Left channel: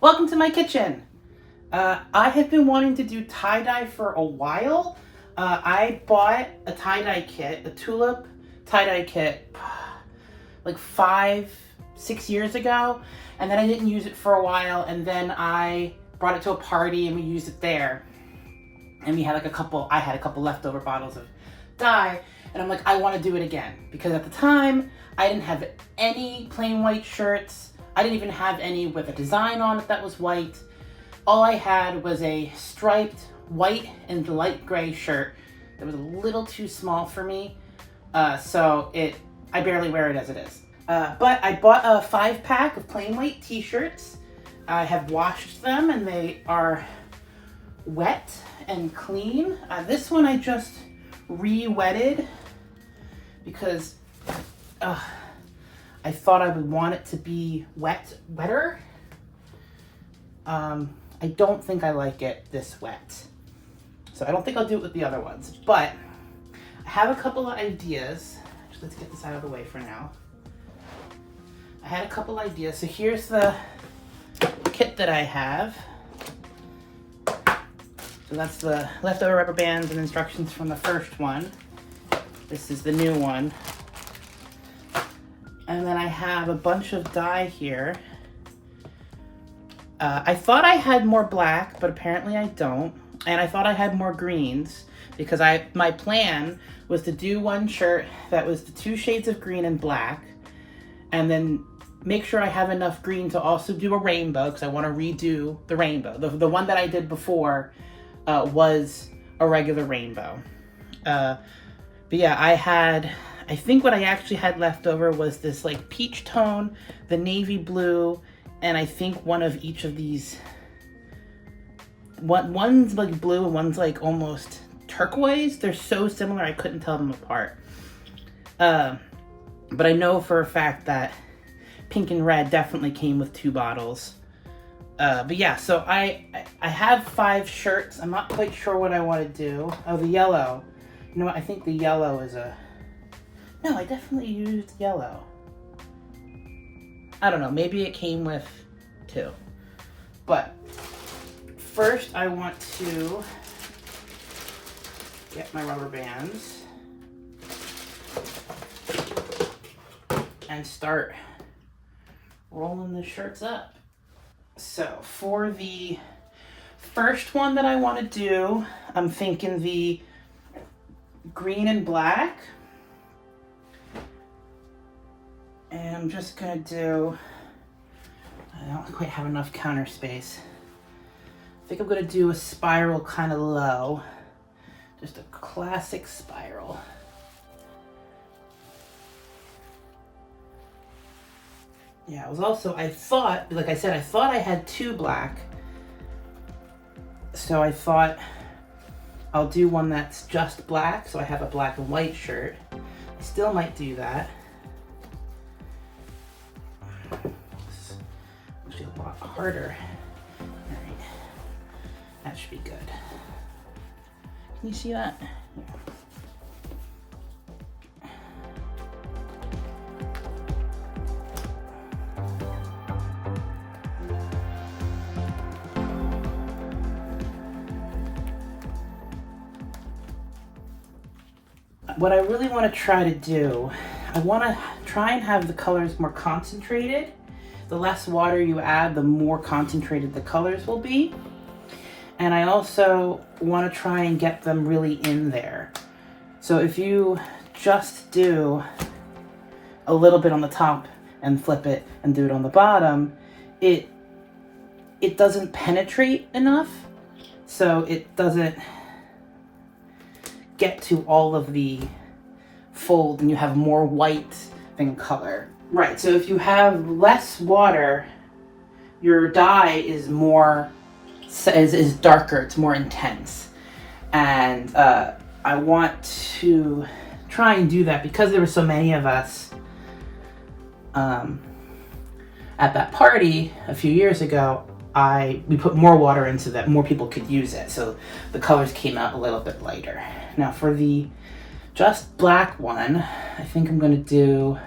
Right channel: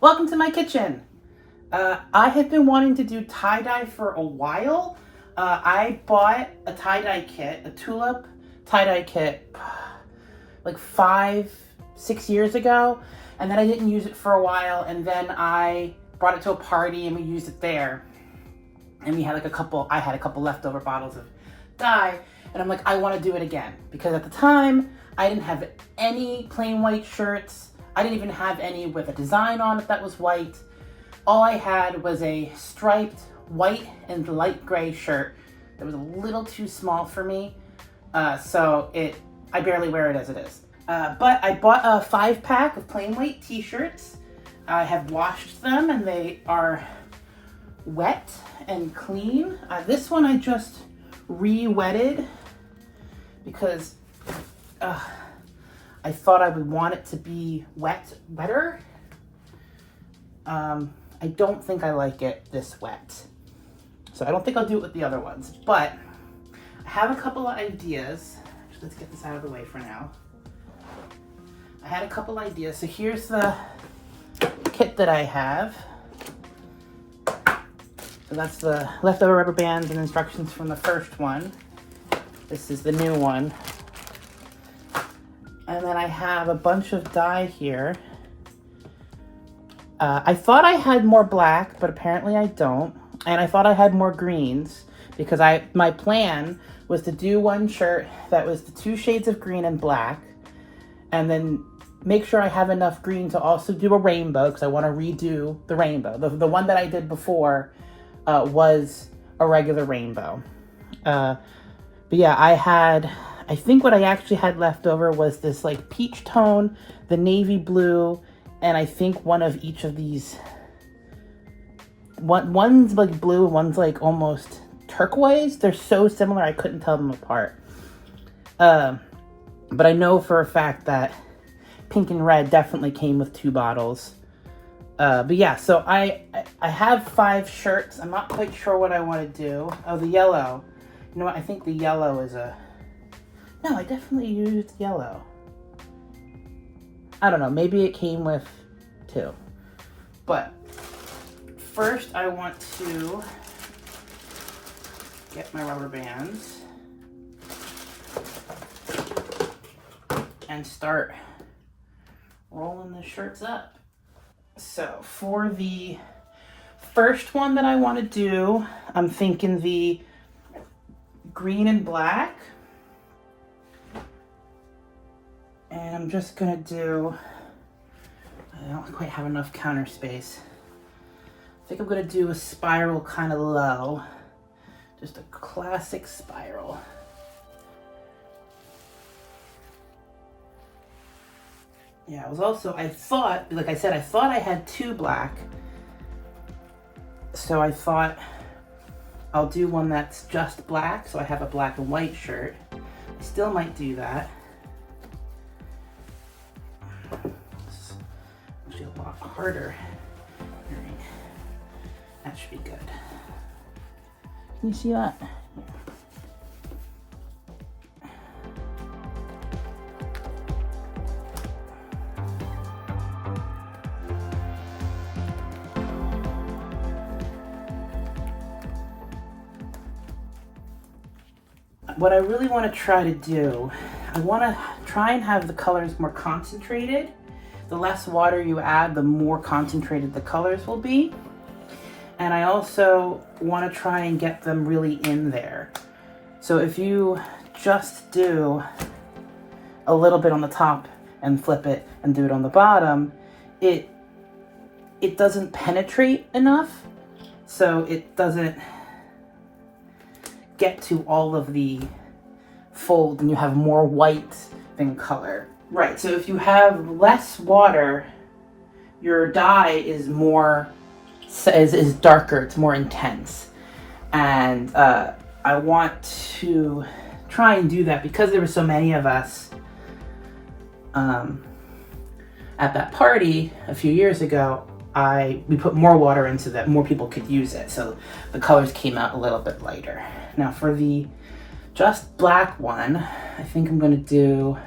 Welcome to my kitchen. I have been wanting to do tie-dye for a while. I bought a tie-dye kit, a tulip tie-dye kit, like 5-6 years ago, and then I didn't use it for a while, and then I brought it to a party and we used it there. And we had I had a couple leftover bottles of dye, and I'm like, I want to do it again. Because at the time, I didn't have any plain white shirts. I didn't even have any with a design on it that was white. All I had was a striped white and light gray shirt that was a little too small for me. I barely wear it as it is. But I bought a 5-pack of plain white t-shirts. I have washed them and they are wet and clean. This one I just re-wetted because I thought I would want it to be wetter. I don't think I like it this wet. So I don't think I'll do it with the other ones, but I have a couple of ideas. Let's get this out of the way for now. I had a couple ideas. So here's the kit that I have. So that's the leftover rubber bands and instructions from the first one. This is the new one. And then I have a bunch of dye here. I thought I had more black, but apparently I don't. And I thought I had more greens because my plan was to do one shirt that was the 2 shades of green and black, and then make sure I have enough green to also do a rainbow because I want to redo the rainbow. The one that I did before was a regular rainbow. But yeah, I think what I actually had left over was this like peach tone, the navy blue, and I think one of each of these. One's like blue and one's like almost turquoise. They're so similar I couldn't tell them apart. But I know for a fact that pink and red definitely came with 2 bottles. But yeah, so I have 5 shirts. I'm not quite sure what I want to do. Oh, the yellow. You know what? I think the yellow is No, I definitely used yellow. I don't know. Maybe it came with 2. But first, I want to get my rubber bands and start rolling the shirts up. So for the first one that I want to do, I'm thinking the green and black. And I'm just gonna do, I don't quite have enough counter space. I think I'm gonna do a spiral kind of low. Just a classic spiral. Yeah, it was also, I thought I had 2 black. So I thought I'll do one that's just black, so I have a black and white shirt. I still might do that. It's actually a lot harder. All right, that should be good. Can you see that? What I really want to try to do, I want to try and have the colors more concentrated. The less water you add, the more concentrated the colors will be. And I also want to try and get them really in there. So if you just do a little bit on the top and flip it and do it on the bottom, it doesn't penetrate enough. So it doesn't get to all of the fold and you have more white than color. Right, so if you have less water, your dye is darker, it's more intense. And I want to try and do that because there were so many of us at that party a few years ago. We put more water into that, more people could use it, so the colors came out a little bit lighter. Now for the just black one, I think I'm going to do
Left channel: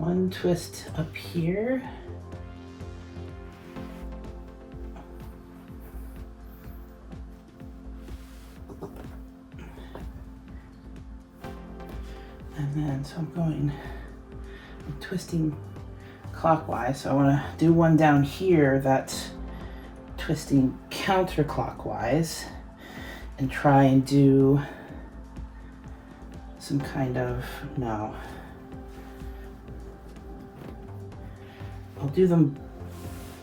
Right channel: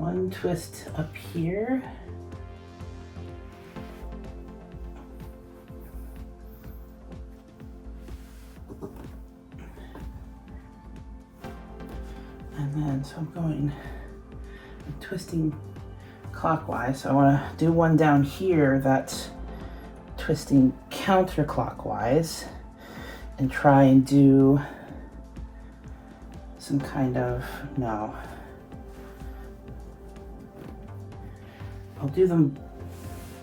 one twist up here. And then, so I'm twisting clockwise. So I want to do one down here that's twisting counterclockwise and try and do some kind of, no. I'll do them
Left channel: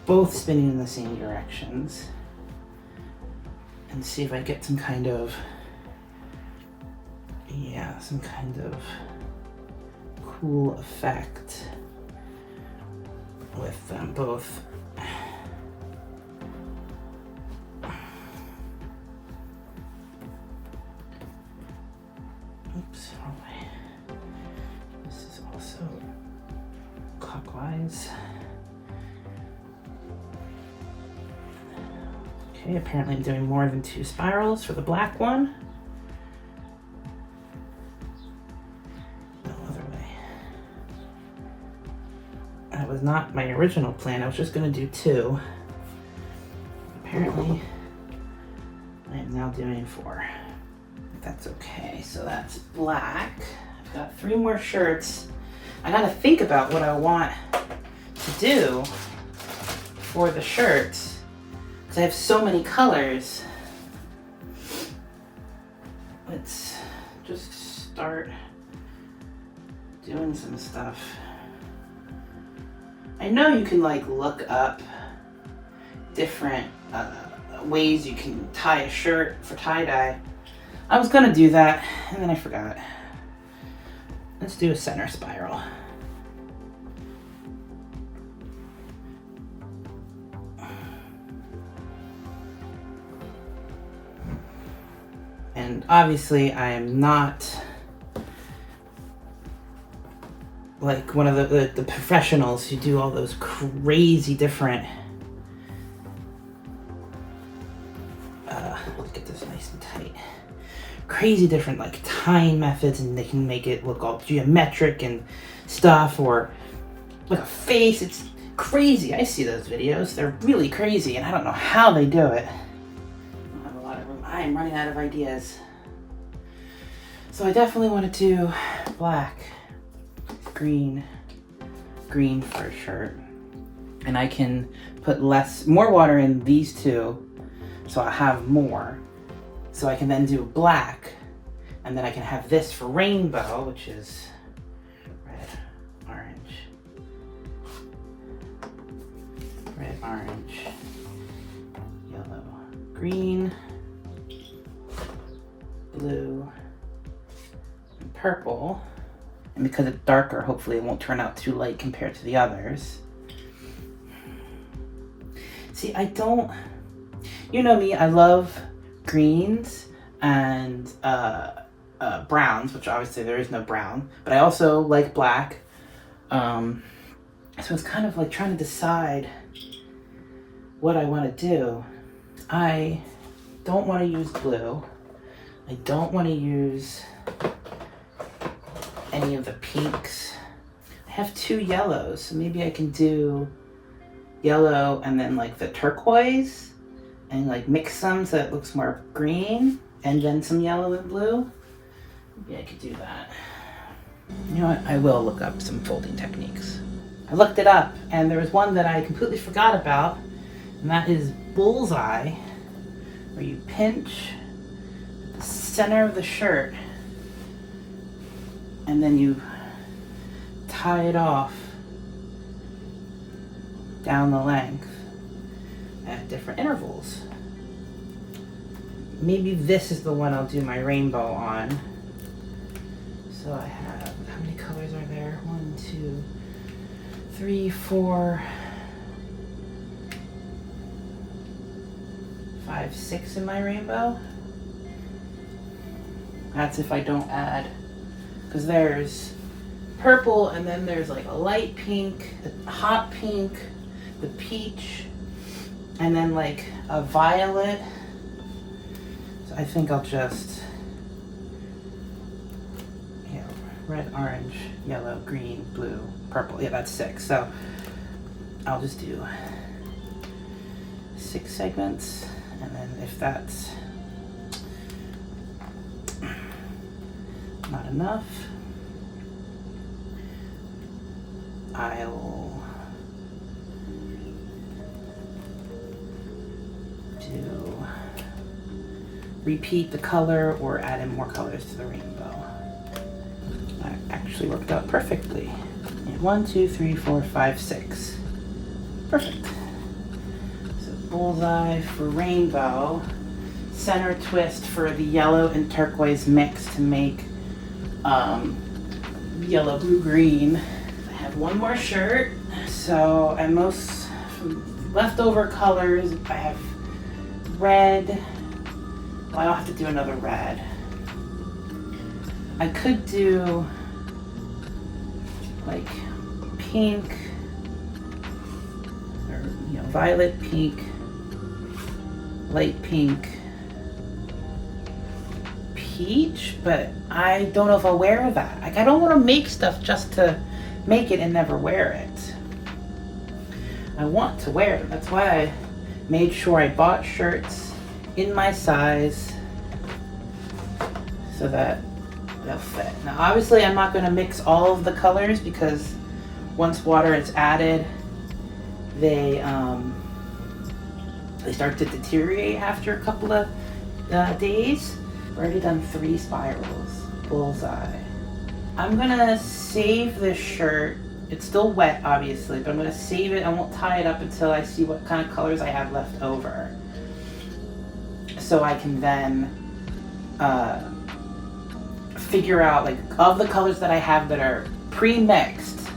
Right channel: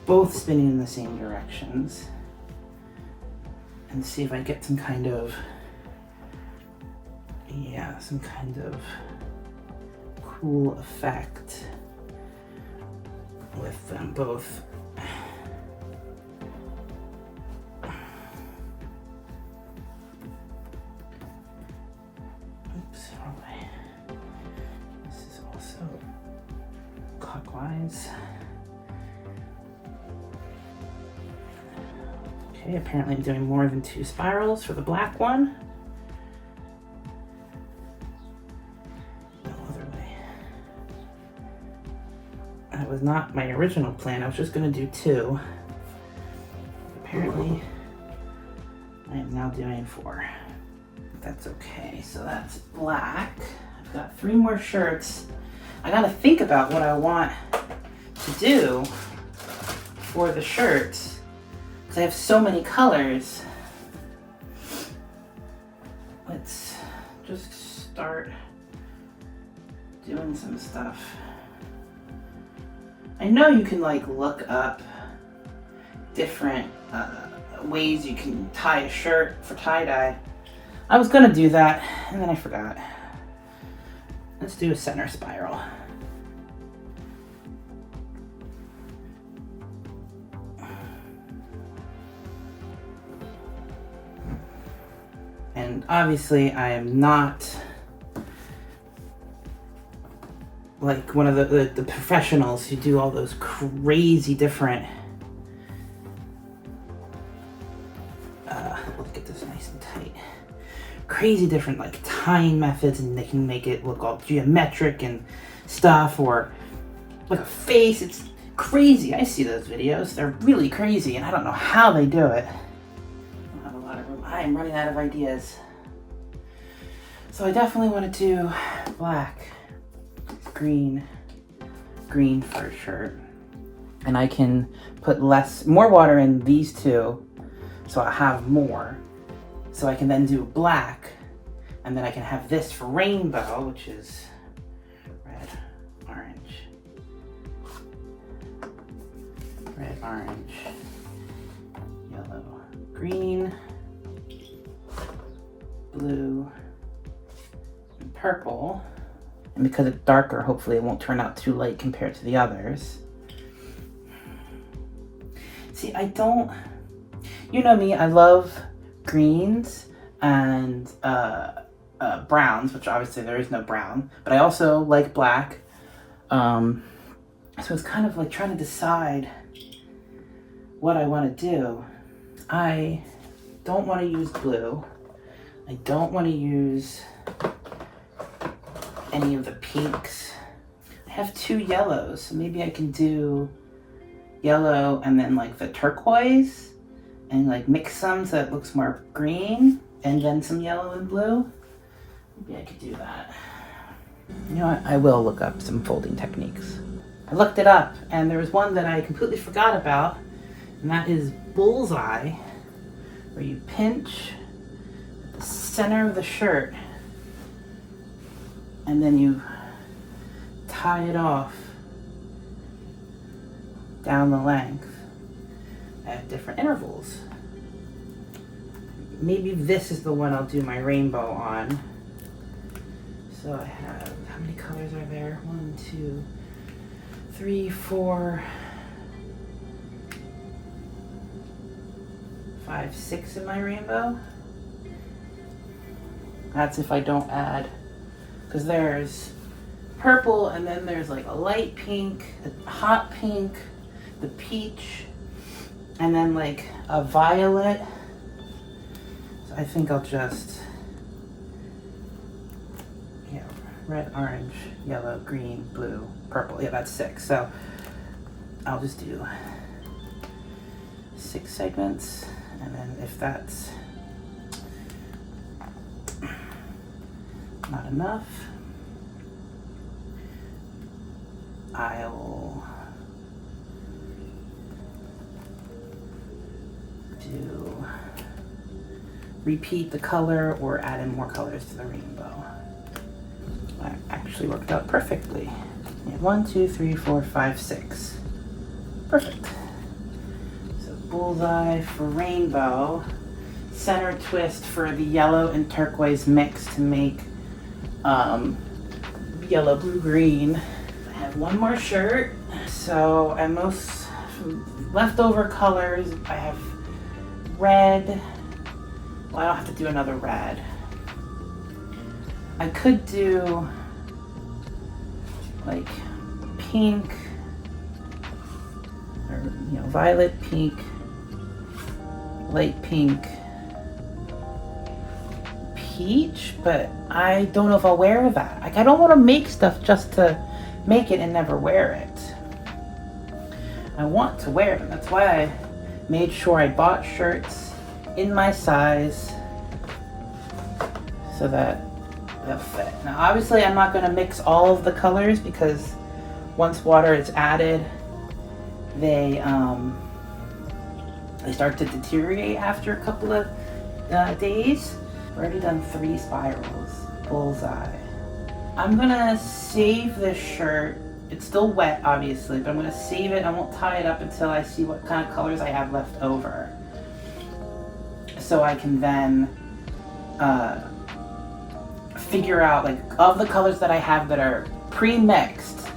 both spinning in the same directions and see if I get some kind of, yeah, some kind of cool effect with them both. Oops, wrong way. This is also clockwise. Okay, apparently I'm doing more than 2 spirals for the black one. No other way. That was not my original plan. I was just gonna do 2. Apparently, I am now doing 4. That's okay, so that's black. I've got 3 more shirts. I gotta think about what I want to do for the shirts, because I have so many colors. Let's just start doing some stuff. I know you can like look up different ways you can tie a shirt for tie-dye. I was gonna do that, and then I forgot. Let's do a center spiral. And obviously I am not like one of the professionals who do all those crazy different, let's get this nice and tight. Crazy different like tying methods, and they can make it look all geometric and stuff, or like a face. It's crazy. I see those videos. They're really crazy, and I don't know how they do it. I don't have a lot of room. I am running out of ideas. So I definitely want to do black, green for a shirt. And I can put more water in these 2, so I'll have more. So I can then do black, and then I can have this for rainbow, which is red, orange, yellow, green, blue, and purple. And because it's darker, hopefully it won't turn out too light compared to the others. See, you know me, I love greens and browns, which obviously there is no brown, but I also like black. So it's kind of like trying to decide what I want to do. I don't want to use blue. I don't want to use any of the pinks. I have 2 yellows, so maybe I can do yellow and then like the turquoise and like mix some so it looks more green, and then some yellow and blue. Maybe I could do that. You know what? I will look up some folding techniques. I looked it up, and there was one that I completely forgot about, and that is bullseye, where you pinch at the center of the shirt, and then you tie it off down the length at different intervals. Maybe this is the one I'll do my rainbow on. So I have, how many colors are there? 1, 2, 3, 4, 5, 6 in my rainbow. That's if I don't add, because there's purple, and then there's like a light pink, a hot pink, the peach, and then like a violet. So I think I'll just, red, orange, yellow, green, blue, purple. Yeah, that's 6. So I'll just do 6 segments, and then if that's not enough, I'll repeat the color or add in more colors to the rainbow. That actually worked out perfectly. Yeah, 1, 2, 3, 4, 5, 6. Perfect. So bullseye for rainbow, center twist for the yellow and turquoise mix to make yellow, blue, green. I have one more shirt. So I most leftover colors. I have red. Well, I don't have to do another red. I could do like pink, or violet, pink, light pink, peach, but I don't know if I'll wear that. Like, I don't want to make stuff just to make it and never wear it. I want to wear it. That's why I made sure I bought shirts in my size so that they'll fit. Now obviously I'm not going to mix all of the colors because once water is added, they start to deteriorate after a couple of days. I've already done 3 spirals. Bullseye. I'm gonna save this shirt. It's still wet obviously, but I'm gonna save it. I won't tie it up until I see what kind of colors I have left over, so I can then figure out, like, of the colors that I have that are pre-mixed,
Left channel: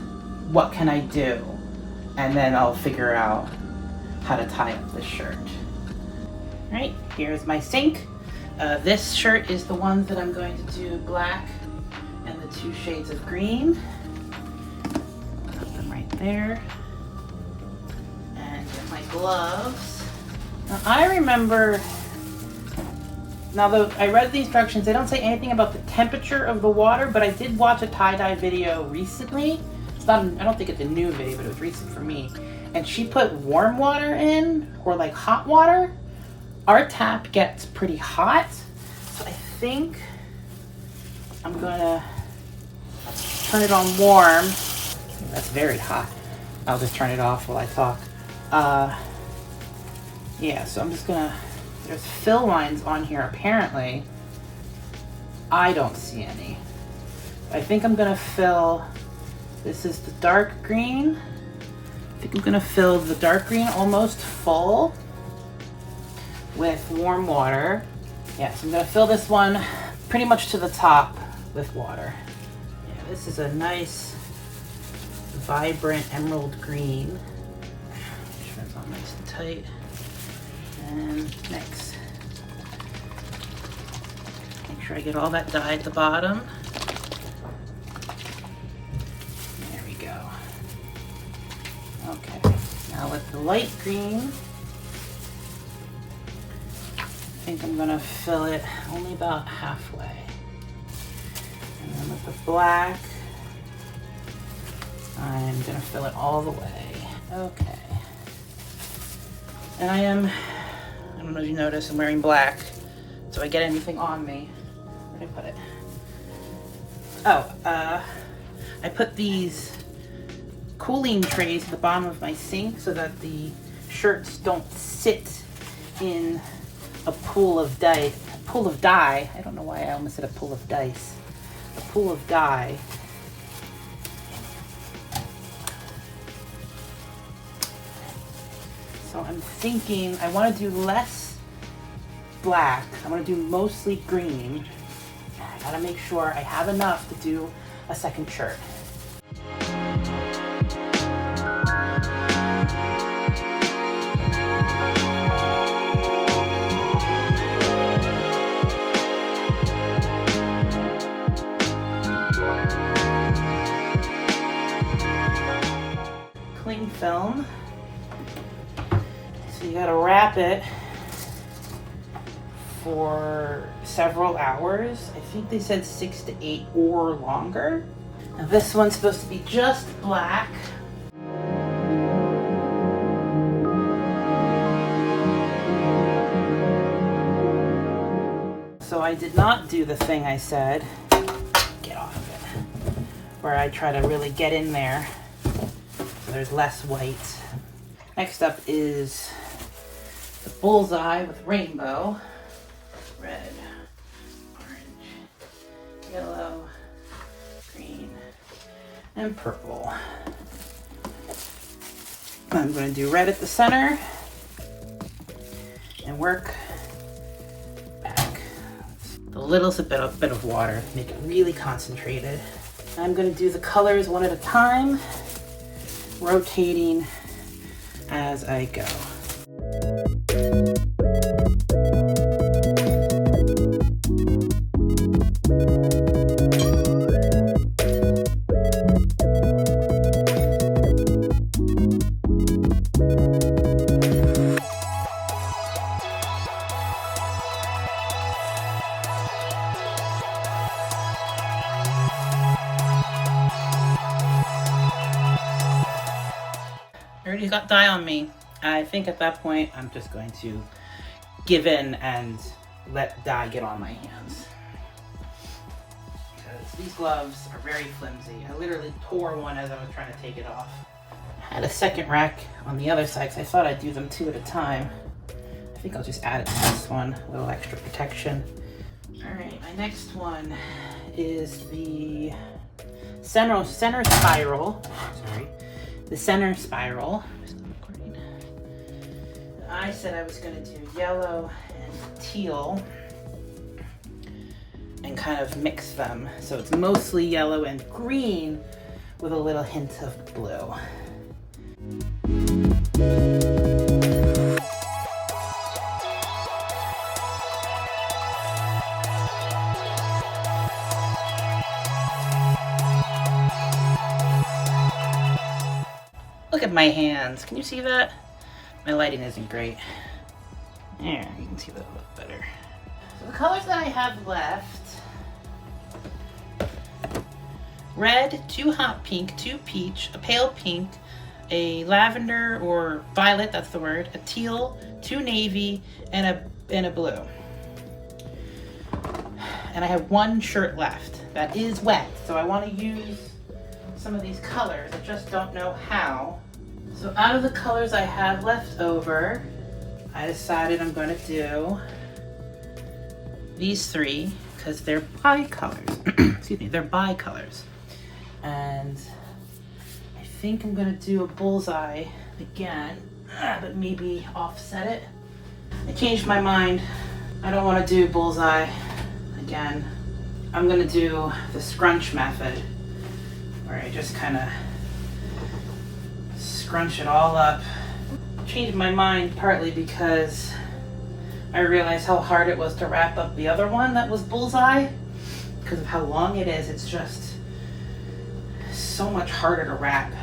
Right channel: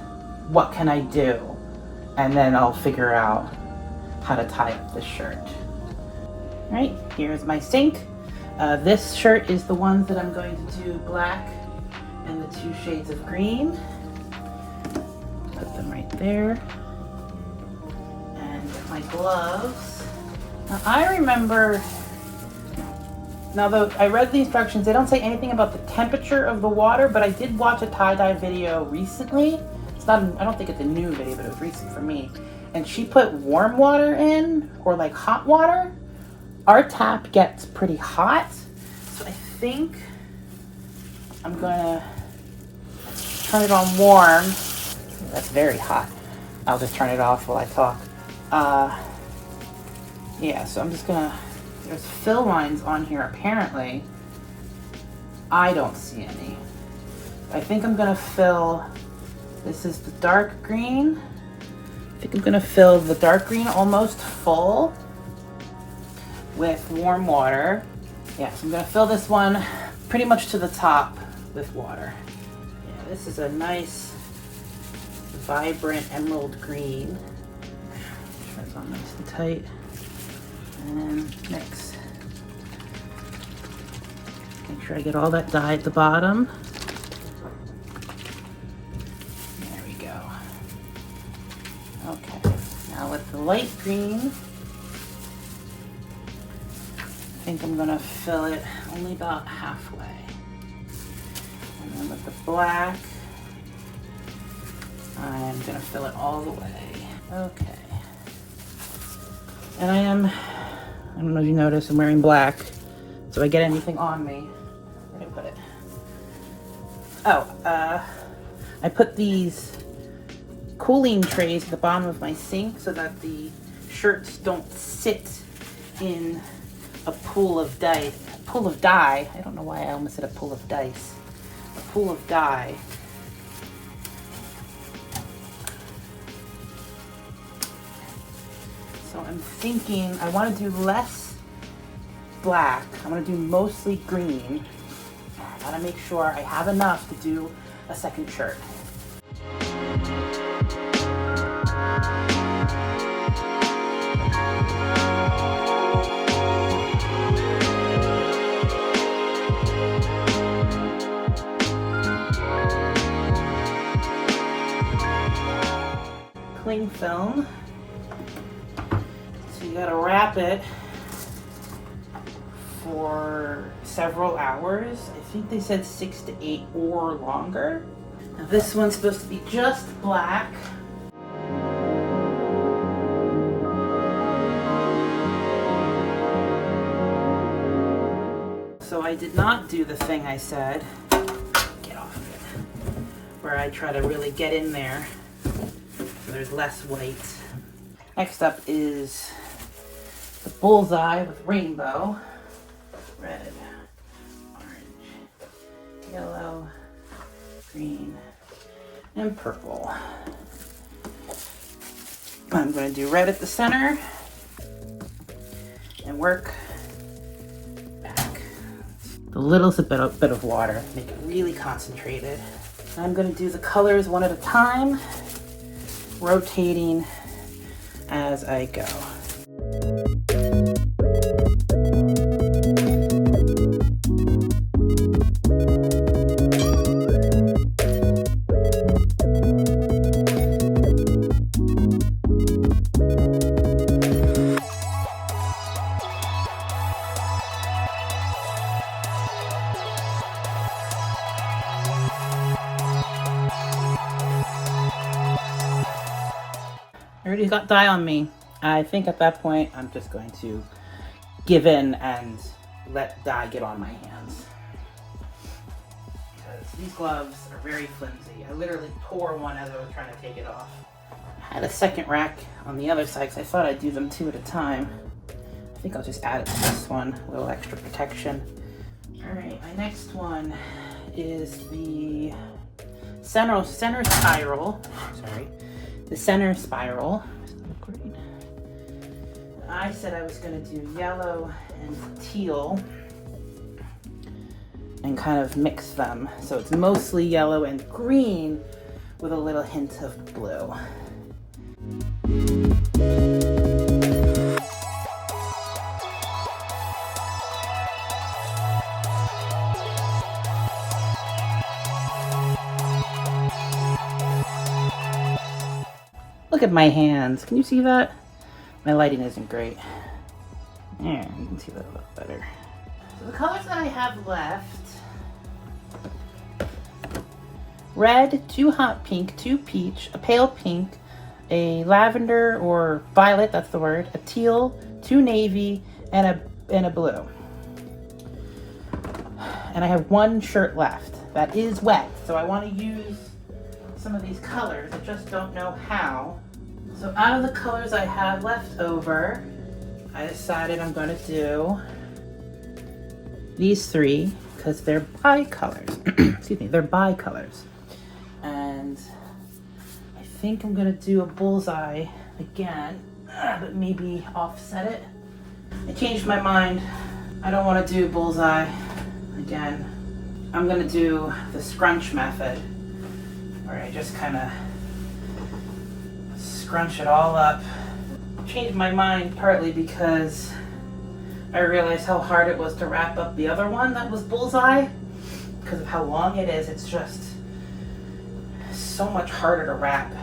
what can I do? And then I'll figure out how to tie up this shirt. All right, here's my sink. This shirt is the ones that I'm going to do black and the 2 shades of green. Put them right there. And get my gloves. Now I remember, now though I read the instructions, they don't say anything about the temperature of the water, but I did watch a tie-dye video recently. It's not, I don't think it's a new video, but it was recent for me. And she put warm water in, or like hot water. Our tap gets pretty hot, so I think I'm gonna turn it on warm. That's very hot. I'll just turn it off while I talk. Yeah, so I'm just gonna, there's fill lines on here apparently. I don't see any. I think I'm gonna fill, this is the dark green. I think I'm gonna fill the dark green almost full with warm water. Yeah, so I'm gonna fill this one pretty much to the top with water. Yeah, this is a nice, vibrant emerald green. Make sure it's all nice and tight. And mix. Make sure I get all that dye at the bottom. There we go. Okay, now with the light green, I think I'm gonna fill it only about halfway. And then with the black, I'm gonna fill it all the way. Okay. And I don't know if you notice, I'm wearing black. So I get anything on me. Where did I put it? Oh, I put these cooling trays at the bottom of my sink so that the shirts don't sit in a pool of dye. I don't know why I almost said a pool of dice. A pool of dye. So I'm thinking I want to do less black. I want to do mostly green. I gotta make sure I have enough to do a second shirt. Cling film. So you gotta wrap it for several hours. I think they said 6 to 8 or longer. Now this one's supposed to be just black. So I did not do the thing I said, get off of it, where I try to really get in there so there's less white. Next up is the bullseye with rainbow. Red, orange, yellow, green, and purple. I'm going to do red at the center and work back. The little's a bit of water, make it really concentrated. I'm going to do the colors one at a time, rotating as I go. I already got dye on me. I think at that point I'm just going to give in and let dye get on my hands. Because these gloves are very flimsy. I literally tore one as I was trying to take it off. I had a second rack on the other side because I thought I'd do them 2 at a time. I think I'll just add it to this one, a little extra protection. Alright, my next one is the center spiral. Sorry. The center spiral. I said I was going to do yellow and teal and kind of mix them. So it's mostly yellow and green with a little hint of blue. Look at my hands. Can you see that? My lighting isn't great. There, you can see that a little better. So the colors that I have left: red, 2 hot pink, 2 peach, a pale pink, a lavender or violet, that's the word, a teal, 2 navy, and a blue. And I have 1 shirt left that is wet, so I want to use some of these colors. I just don't know how. So out of the colors I have left over, I decided I'm going to do these 3 because they're bicolors. Excuse me, they're bicolors. And I think I'm going to do a bullseye again, but maybe offset it. I changed my mind. I don't want to do bullseye again. I'm going to do the scrunch method, where I just kind of scrunch it all up. Changed my mind partly because I realized how hard it was to wrap up the other one that was bullseye. Because of how long it is, it's just so much harder to wrap.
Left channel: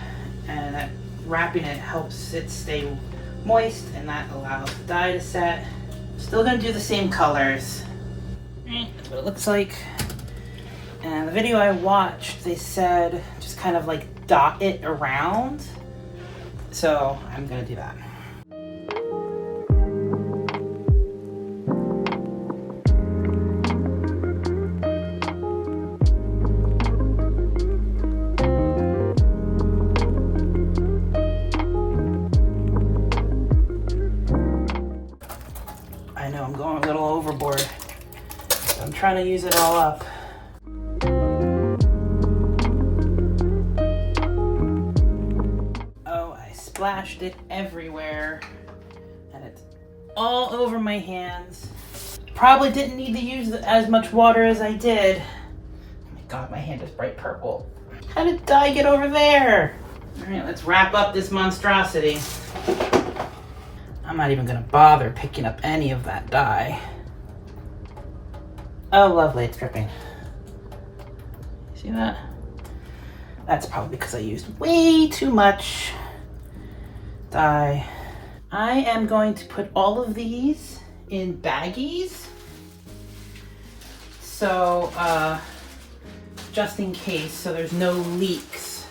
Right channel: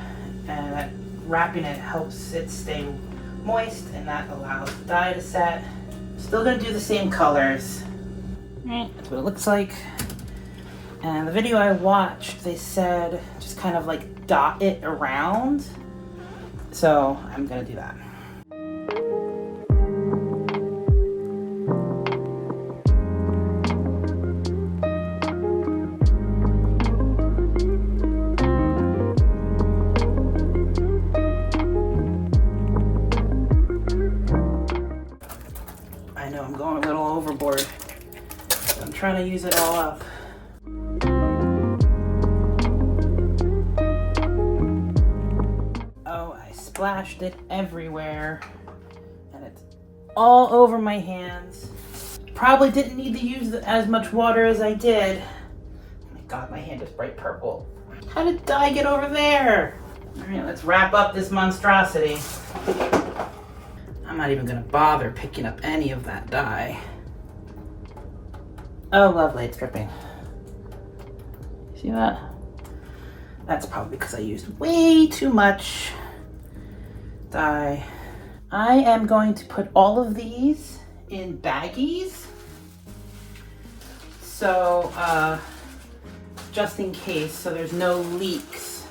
And wrapping it helps it stay moist and that allows the dye to set. Still gonna do the same colors. That's what it looks like. And the video I watched, they said just kind of like dot it around. So I'm gonna do that. I know I'm going a little overboard, so I'm trying to use it all up. Splashed it everywhere and it's all over my hands. Probably didn't need to use as much water as I did. Oh my god, my hand is bright purple. How did dye get over there? Alright, let's wrap up this monstrosity. I'm not even gonna bother picking up any of that dye. Oh lovely, it's dripping. See that? That's probably because I used way too much dye. I am going to put all of these in baggies So, just in case, so there's no leaks.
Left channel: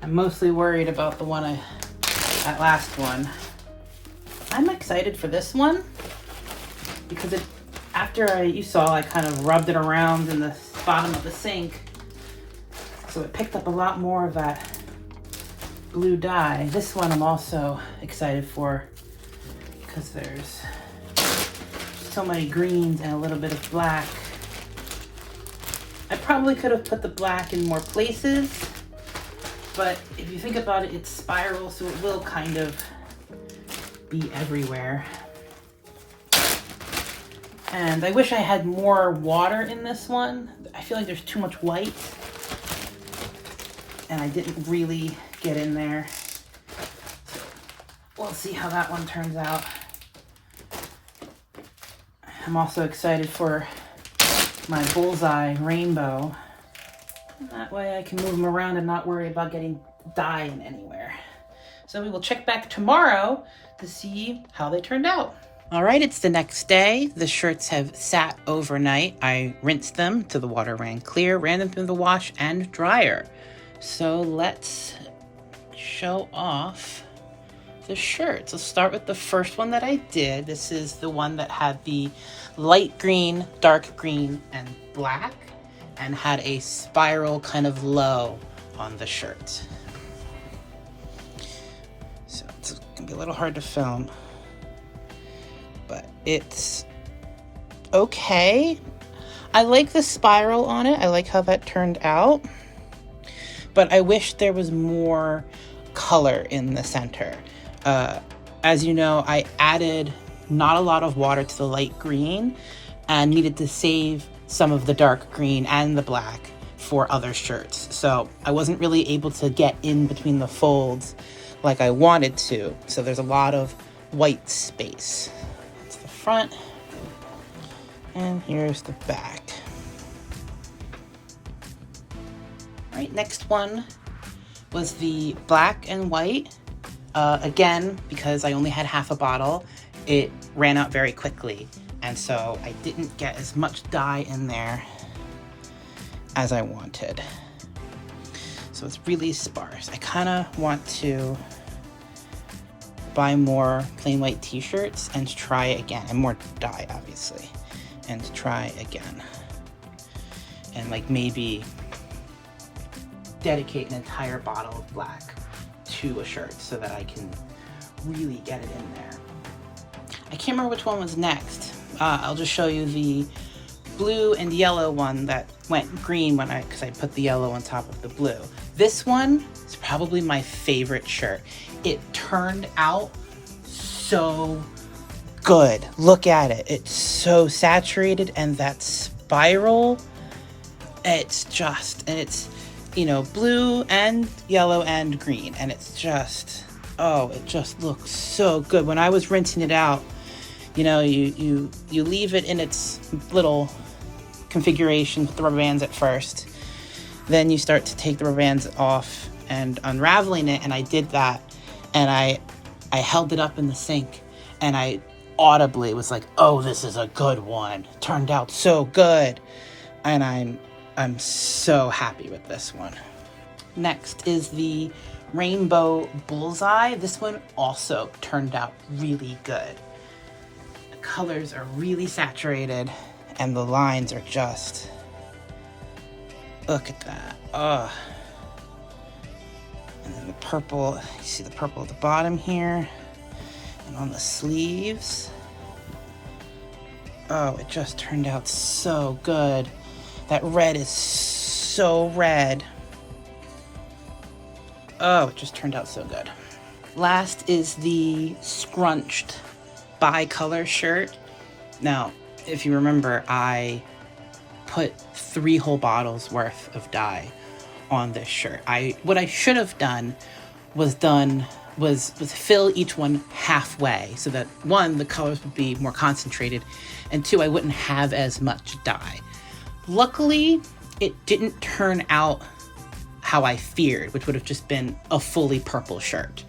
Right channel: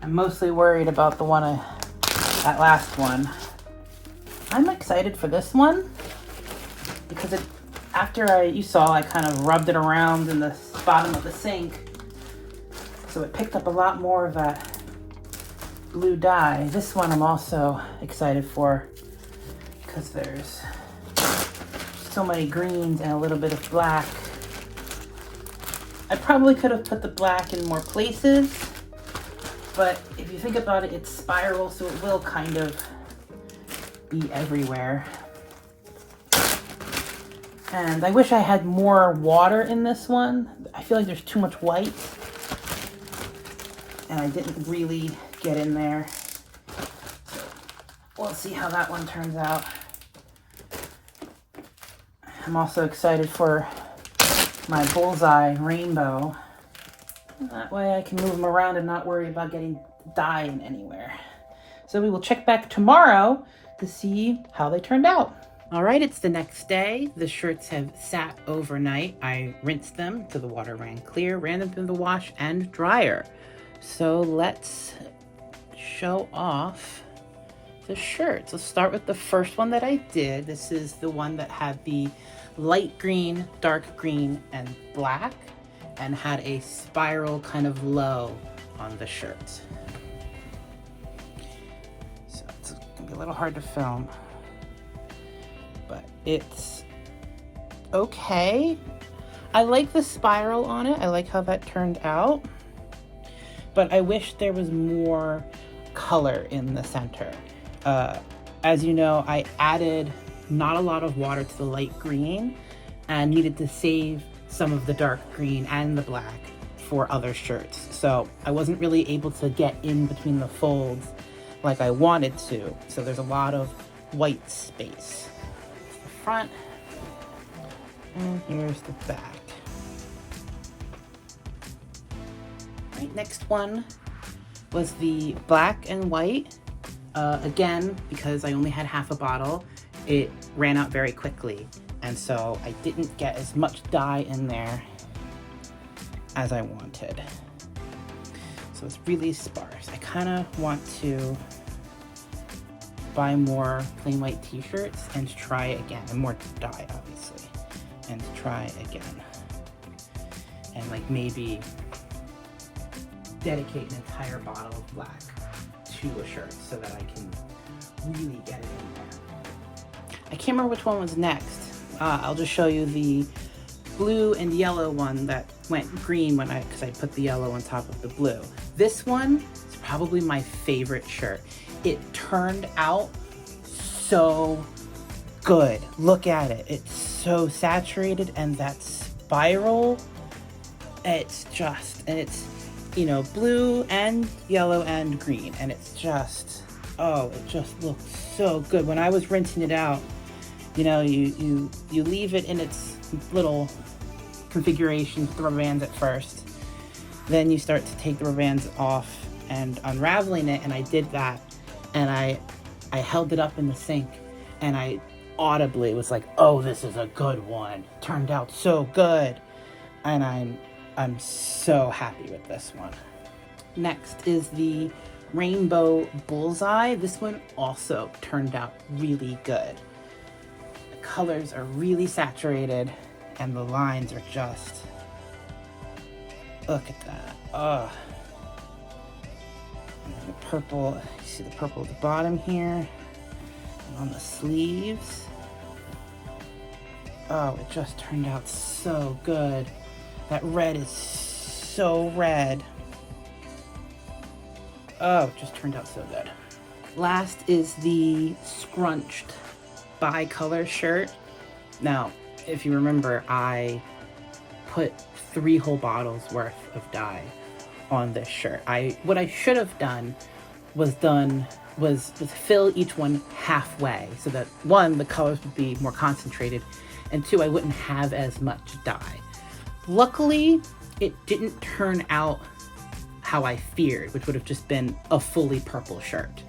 I'm mostly worried about the one that last one. I'm excited for this one because after you saw, I kind of rubbed it around in the bottom of the sink. So it picked up a lot more of that blue dye. This one I'm also excited for because there's so many greens and a little bit of black. I probably could have put the black in more places, but if you think about it, it's spiral, so it will kind of be everywhere. And I wish I had more water in this one. I feel like there's too much white, and I didn't really get in there. So we'll see how that one turns out. I'm also excited for my bullseye rainbow. That way I can move them around and not worry about getting dye in anywhere. So we will check back tomorrow to see how they turned out. All right, it's the next day. The shirts have sat overnight. I rinsed them till the water ran clear, ran them through the wash and dryer. So let's show off the shirts. Let's start with the first one that I did. This is the one that had the light green, dark green, and black, and had a spiral kind of low on the shirt. So it's gonna be a little hard to film, but it's okay. I like the spiral on it. I like how that turned out, but I wish there was more color in the center. As you know, I added not a lot of water to the light green and needed to save some of the dark green and the black for other shirts. So I wasn't really able to get in between the folds like I wanted to. So there's a lot of white space. That's the front, and here's the back. All right, next one was the black and white. Again, because I only had half a bottle, it ran out very quickly, and so I didn't get as much dye in there as I wanted. So it's really sparse. I kind of want to buy more plain white t-shirts and try again, and more dye obviously, and try again. And like maybe dedicate an entire bottle of black to a shirt so that I can really get it in there. I can't remember which one was next. I'll just show you the blue and yellow one that went green because I put the yellow on top of the blue. This one is probably my favorite shirt. It turned out so good. Look at it. It's so saturated, and that spiral, it's blue and yellow and green, and it's just, oh, it just looks so good. When I was rinsing it out, you leave it in its little configuration with the rubber bands at first. Then you start to take the rubber bands off and unraveling it, and I did that, and I held it up in the sink, and I audibly was like, oh, this is a good one. Turned out so good. And I'm so happy with this one. Next is the Rainbow Bullseye. This one also turned out really good. The colors are really saturated, and the lines are just, look at that. Oh. And then the purple, you see the purple at the bottom here, and on the sleeves. Oh, it just turned out so good. That red is so red. Oh, it just turned out so good. Last is the scrunched bi-color shirt. Now, if you remember, I put 3 whole bottles worth of dye on this shirt. What I should have done was fill each one halfway, so that 1, the colors would be more concentrated, and 2, I wouldn't have as much dye. Luckily, it didn't turn out how I feared, which would have just been a fully purple shirt.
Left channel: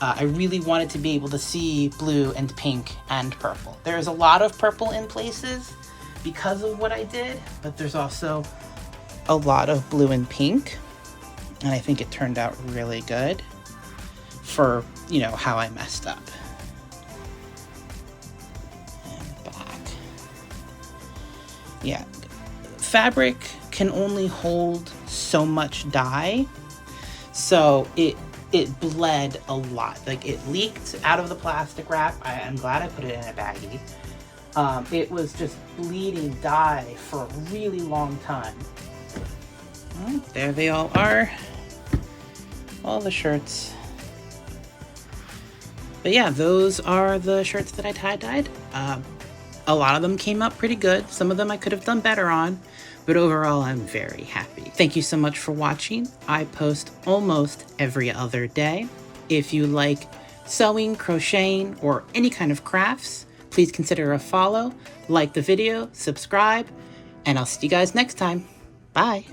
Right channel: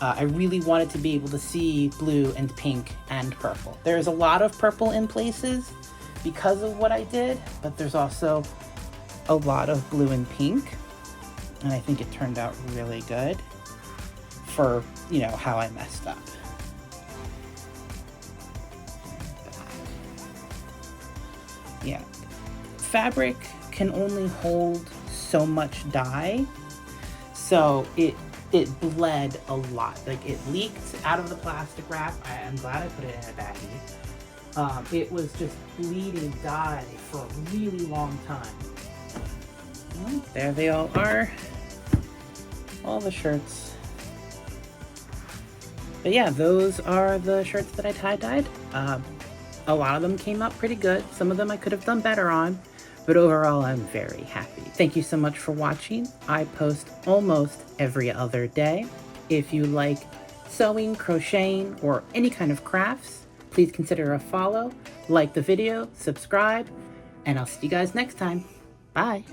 I really wanted to be able to see blue and pink and purple. There's a lot of purple in places, because of what I did, but there's also a lot of blue and pink, and I think it turned out really good for, you know, how I messed up. And black. Yeah, fabric can only hold so much dye, so it bled a lot. Like, it leaked out of the plastic wrap. I'm glad I put it in a baggie. It was just bleeding dye for a really long time. Well, there they all are. All the shirts. But yeah, those are the shirts that I tie-dyed. A lot of them came out pretty good. Some of them I could have done better on, but overall I'm very happy. Thank you so much for watching. I post almost every other day. If you like sewing, crocheting, or any kind of crafts, please consider a follow, like the video, subscribe, and I'll see you guys next time. Bye.